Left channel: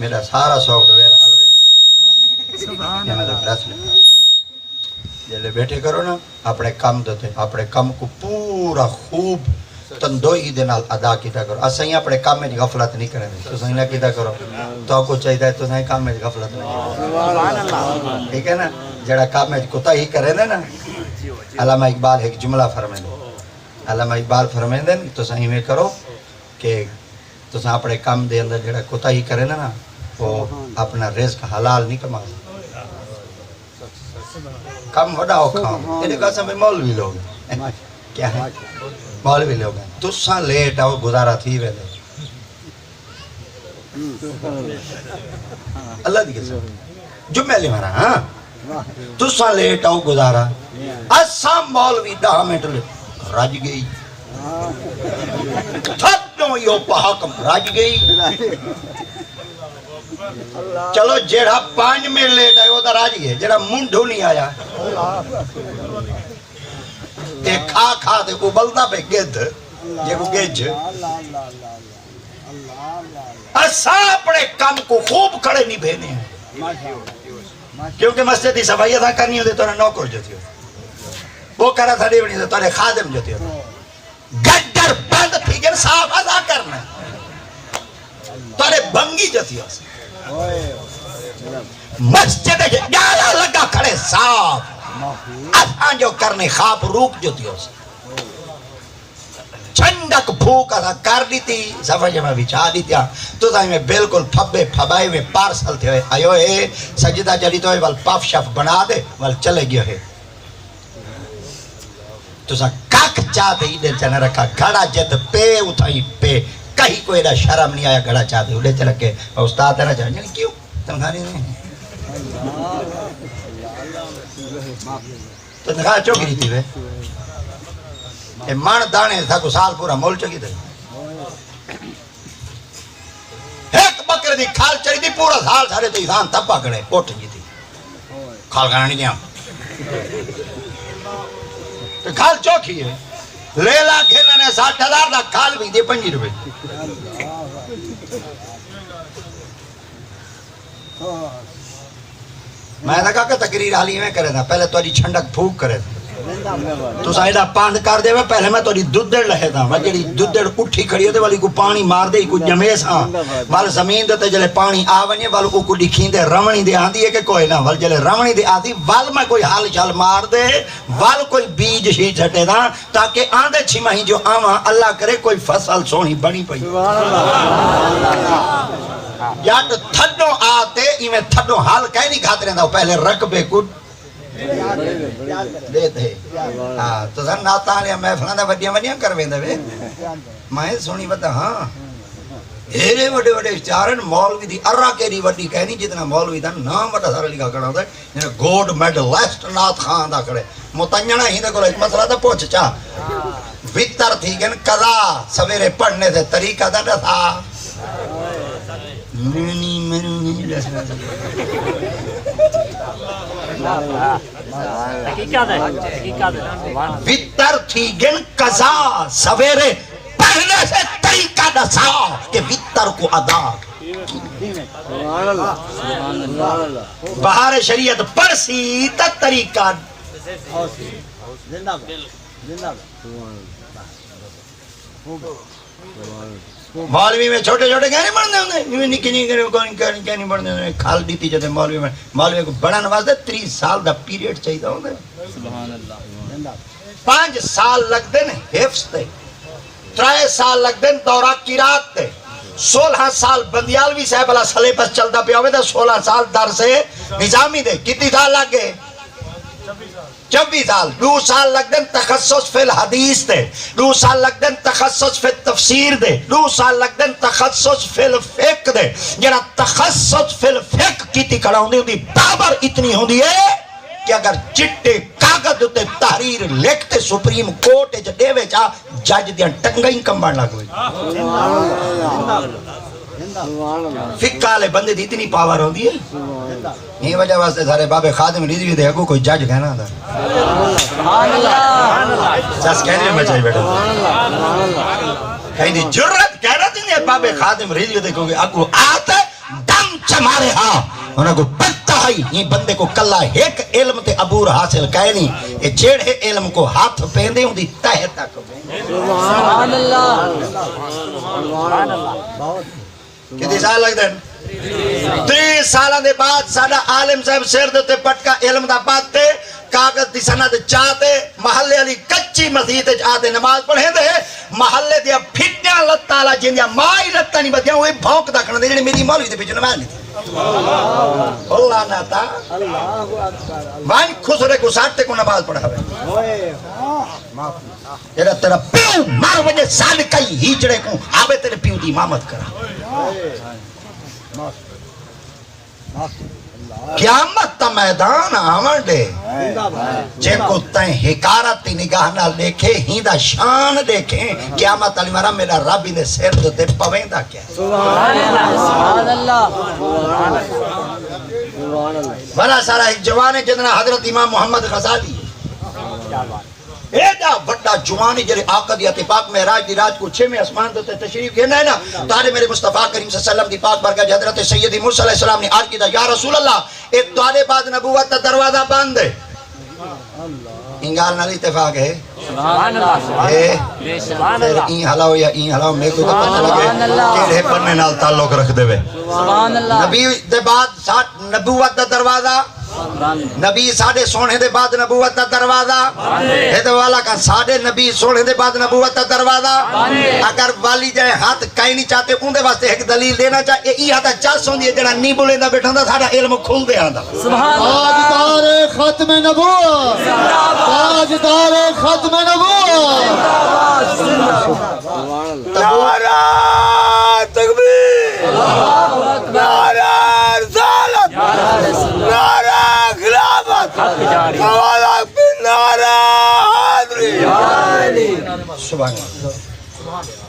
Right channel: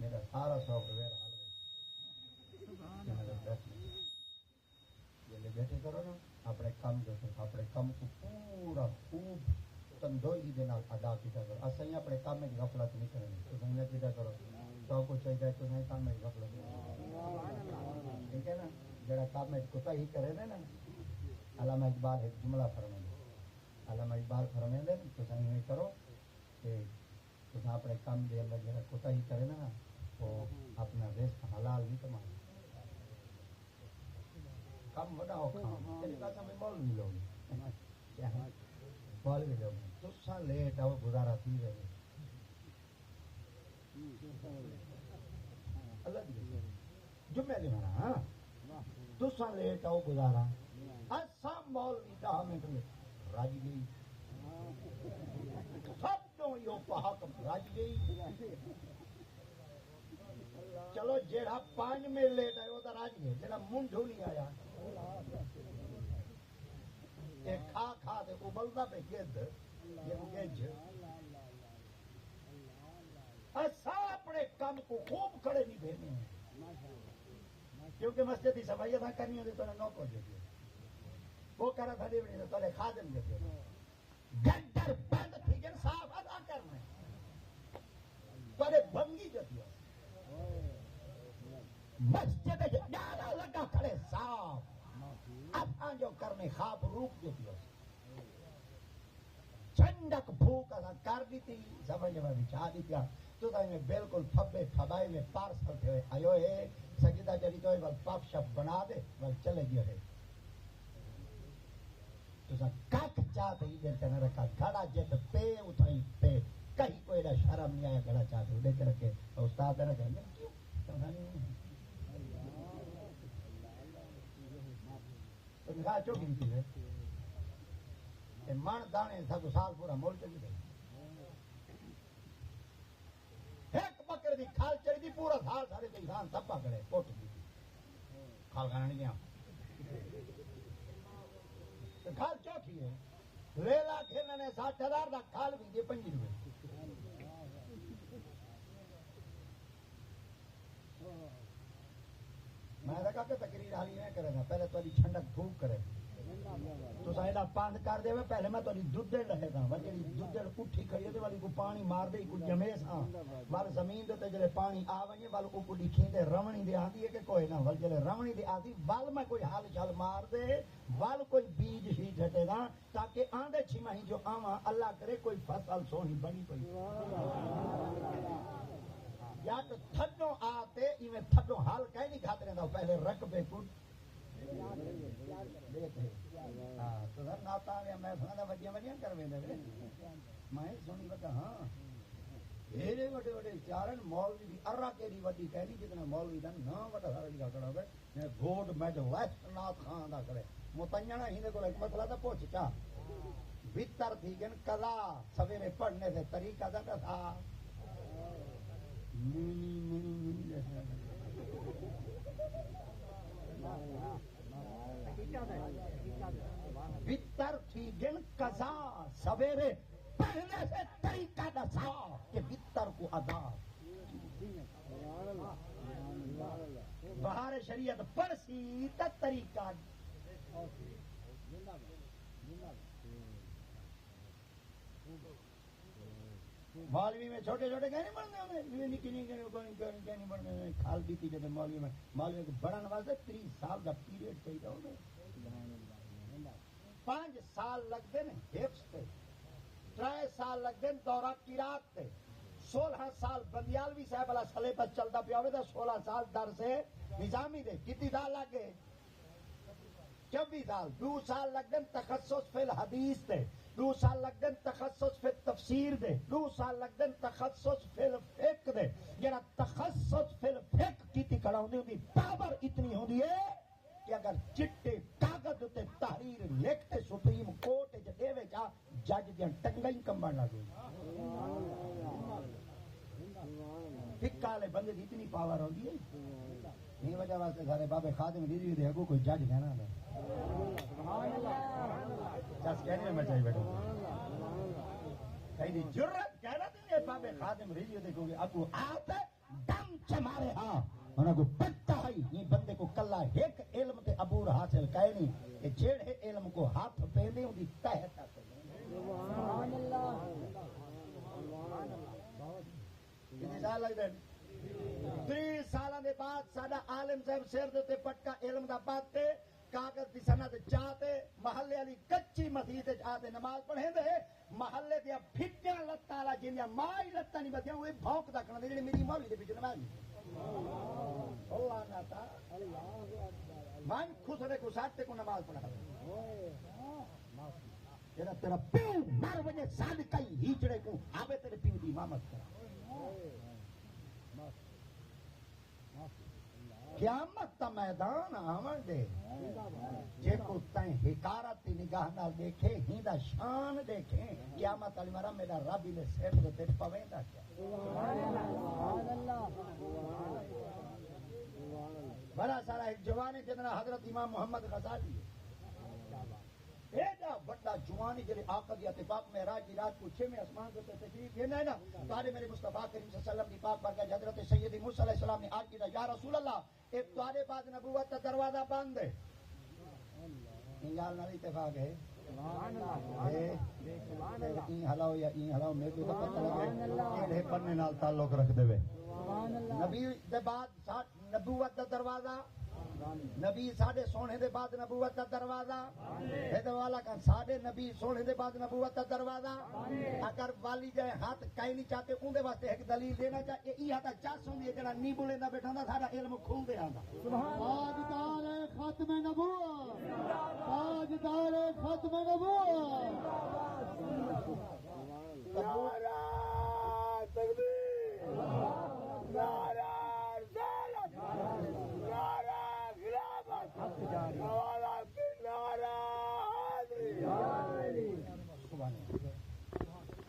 میرا سارا soft where حلوے یہ میں تو دس لیں جلے بیٹھے کرو نا اپنے کام دیتے اپنے کام کو پورا خوب تندوئی دے نال ادا کیتا کرو اسیں اپنے کام میں غفلت نہیں کریں تو سہیں نہ کیتا کرو تو کو چاہیے تو سہیں کام میں غفلت نہیں ٹھیک ہے نا جڑا کام میں کوتا ہی کرے نا علامہ اقبال ایک جملہ فرمائیں علامہ اقبال فرمائیں تو سہیں میں کرو کہ تو سہیں اپنے کام دے اندر جڑا کوتا ہی کرے نا وہ اپنا رزق حلال نہیں کما کم وڈا اوکھا یہ کہا سمیں مولوی لوگ کیا ہے مولوی لوگ ہیں تساں لیٹ آؤ گزارا تھی ویلے اللہ دی قسم جمعہ لے مارا ہاں تساں لیٹ آؤ گزارا اساں مولوی 10 منٹ لے رج گئی تھڈوں یو پاکم رج گئی چلو جیڑا 5 منٹ لیٹ آئے وہ تو راج گئے جیڑا منڈو نہیں آیا تے کھا کھا تے ابلتا پہ گدھ یہ کو گج اسا اپنے کام کو خوب کھڑے نہیں بھینے ہیں کیونکہ مسجد کی صفائی ادا کرنی ہوتی تو نوکر جاتی ہو وہ کرا تھا نہیں تو خادم جاتی ہو گجر بند تھی گئے صاف ادا کرنا تو بنگی جاتی ہو مسجد جالا لگا کھڑے صاف اساں جو کرنے خواب روک جو تھی اس چھنڈک بھوک ادا کر دی تھی سفر میں بچھا دی تھی تو تھا میں بالکل پھبے پھبائے میں پارسل تھے آئیو ہے سجدہ جلی تو ہے وال پاف شف بنا دے وال چلے گیا ہے تو سا کاک چاہتے ہی دل چاہنے رکھا گھڑا جت پے اتھائی پے کہیں کوئی ایڈا شرم نہیں آیا گھڑا چاہتے اڑے چلے کے استاد ہے نا چاہتے ہیں کیوں تنخواہ نہیں تو تنخواہ چوکی تھی وے یہ مان دانے تھا کو سال پورا مول چکی تھے ایک بکر دی کھال چڑی دی پورا سال سارے تو انسان تب پکڑے پوٹ جی تھی کھال کھانا نہیں دیا تو کھال چوکی ہے لیلا کھیلنے نے 60,000 دا کھال بھی دے 5 روپے میں نے کہا کہ تقریر حالی میں کرے تھا پہلے تو اڈی چھنڈک پھوک کرے تھا تو سائیدہ پاند کر دے میں پہلے میں تو اڈی دودڑ لہے تھا میں جڑی دودڑ اٹھی کھڑی ہوتے والی کو پانی مار دے کو جمیس ہاں وال زمین دے جلے پانی آونی وال کو ڈکھیں دے روانی دے آندھی ہے کہ کوئی نہ وال جلے روانی دے آندھی وال میں کوئی حال چال مار دے وال کوئی بیج ہی چھٹے دا تاکہ آندھے چھماہی جو آواں اللہ کرے کوئی فصل سونی بنی پئی یا تو تھڈوں آتے میں تھڈوں حال کہیں نہیں کھاتے رہتا پہلے رقبے کو دیتے تو سن ناتان یا محفلان دا وڈیاں وڈیاں کر ویندے وے میں سونی بتا ہاں ایرے وڈے وڈے چارن مولوی دی ارہ کیری وڈی کہنی جتنا مولوی دا نام وڈا سارا لکھا کھڑا ہوتا ہے گولڈ میڈلسٹ نات خان دا کھڑے متنجنا ہی دے کو ایک مسئلہ دا پوچھ چاہ ویتر تھی گن قضا سویرے پڑھنے سے طریقہ دا تھا ویتر تھی گن قضا سویرے پڑھنے سے طریقہ دسا کہ ویتر کو ادا بہار شریعت پرسی تا طریقہ مولوی میں چھوٹے چھوٹے کہنے بڑھنے ہوندے نکی کہنے بڑھنے ہوندے کھال دیتی جاتے مولوی میں مولوی کو بڑا نواز دے 30 سال دا پیریڈ چاہیے ہوندے 5 سال لگ دے حفظ تے 3 سال لگ دے دورہ قرات تے 16 سال بندیالوی صاحب اللہ سلیبس چلتا پیا ہوئے تھے 16 سال درس نظامی دے کتنی سال لگ گئے 26 سال 2 سال لگ دیں تخصص فی الحدیث دے 2 سال لگ دیں تخصص فی التفسیر دے 2 سال لگ دیں تخصص فی الفقہ دے جنہا تخصص فی الفقہ کیتی کھڑا ہوندی ہوندی پاور اتنی ہوندی ہے کہ اگر چٹے کاغذ ہوتے تحریر لکھتے سپریم کورٹ جدے ویچا جج دیاں ٹنگیں کمبان لگ ہوئی فقہ والے بندے دی اتنی پاور ہوندی ہے یہ وجہ واسطے سارے بابے خادم رضوی دے اگو کوئی جج کہنا تھا جس کہنے میں چاہیے بیٹھا کہیں دی جرت کہنا تھی نہیں بابے خادم رضوی دے اگو آتا دم مارے ہاں انہوں کو پتہ ہے یہ بندے کو کلا ایک علم تے عبور حاصل کہے نہیں یہ جیڑے علم کو ہاتھ پہندے ہوں دی تہ تک سبحان اللہ کتنی سال لگ دیں 30 سالہ دے بعد سادہ عالم صاحب سیر دیتے پٹکا علم دا بات تے کاغذ دی سند چاہتے محلے علی کچی مسجد آتے نماز پڑھیں دے محلے دیا پھٹیاں لتالا جن دیا مائی رتا نہیں بدیاں ہوئے بھونک دا کرنے دے جنہیں میری مولوی دے پیچھے نماز نہیں تھی اللہ ناتا وائن خسرے کو ساٹھتے کو نماز پڑھا ہوئے تیرا پیو مار وجہ صادقائی ہیچڑے کو آبے تیرے پیو دی امامت کرا قیامت تا میدان آمن دے جے کو تین حکارتی نگاہ نہ دیکھے ہی دا شان دیکھیں قیامت علی مرہ میرا ربی نے سیر دوتے پویندہ کیا سبحان اللہ بڑا سارا ایک جوان ہے جتنا حضرت امام محمد غزالی ایڈا بڑا جوانی جرے آقا دی اتفاق میں راج دی رات کو 6 اسمان دوتے تشریف یہ نہیں نا تارے میرے مصطفیٰ کریم صلی اللہ علیہ وسلم دی پاک برگا حضرت سیدی موسیٰ علیہ السلام نے عرض کی دا یا رسول اللہ ایک تارے بعد نبوت تا دروازہ بند ہے انگال نال اتفاق ہے سبحان اللہ سبحان اللہ این حلاو یا این حلاو میں کوئی تو پتہ لگے کیڑے پڑھنے نال تعلق رکھ دے وے سبحان اللہ نبی دے بعد نبوت دا دروازہ نبی ساڑھے سونے دے بعد نبوت دا دروازہ ہے والا کا ساڑھے نبی سونے دے بعد نبوت دا دروازہ اگر والی جائے ہاتھ کہیں نہیں چاہتے ان دے واسطے ایک دلیل دینا چاہے یہ ہاتھا چاس ہوندی ہے جڑا نہیں بولے دا بیٹھا دا ساڑھا علم کھول دے آندا سبحان اللہ تاجدار ختم نبوت تاجدار ختم نبوت نعرہ تکبیر نعرہ رسالت نعرہ خلافت حوالہ بن نعرہ حاضری سبحان اللہ